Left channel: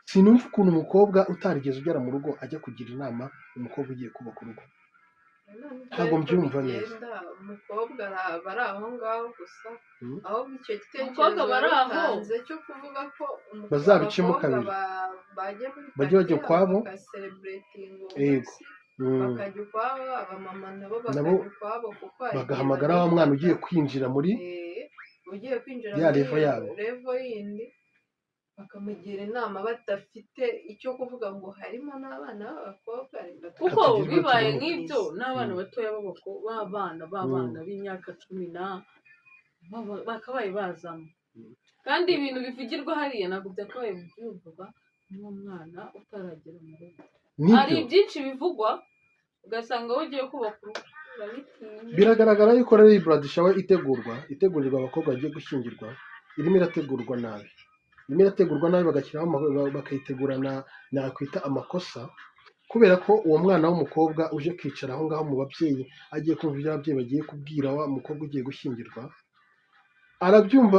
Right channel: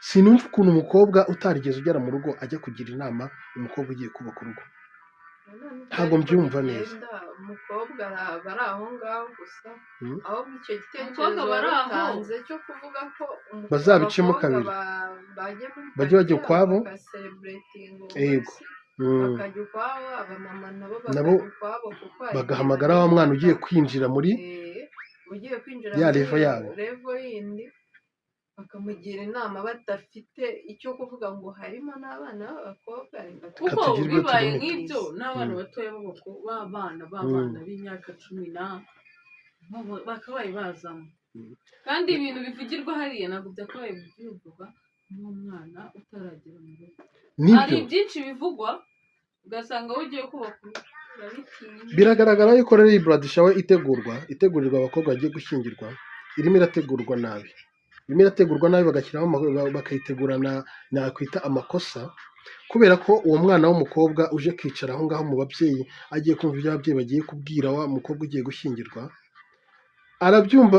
sinumva ukuntu umukobwa utarigeze ugera mu rugo ajya kugira inama umukobwa ugiye kubaka urugo. Ntabwo mbyumva neza. Umukobwa bari aho ngaho gusa ahubwo icyo Umukobwa gitekerezo bari aho. batanze cyo kuvuga ko Bazabicemo abakobwa kabiri. bajya muri Bajye bajya party ukwabo. bakasereburetinga Yego. umunsi bakajya ukwabo, abamama nabo Nabo bakajya ukwabo kuko hari igihe bagahamagara wa mwana ugiye kwinjira muri ugiye kwinjira ya muri level yabo. level yindi bakamugira inama badafite icyo kuvuga ngo harimo n'abana b'abakobwa kuko Katugirwe bibaye tubone. nk'ibyo n'abana batoya b'abana b'imyaka 10 bakabaye bazamo kandi ibintu bivugirwa hariya ntabwo byakabaye byumvwa n'umwana utaragera mu rugo. Hari Nibyo byinshi bivugwa ugasanga wowe ugiye kubaka urugo urabitinya. biragaragara yuko rero iyi blood shower itegurirwa abakobwa bagiye gushyingirwa irimo irategurwa nabi. Irimo irategurwa nabi bagashyiraho bakayitegurana nakwita amakosa, kubera ko uwo mwana w'umukobwa uje kwicara aho ngaho mu babyeyi agiye kumva ibyo ababyeyi bagiye kubwira wa mukobwa ugiye gushyingirwa arabyumva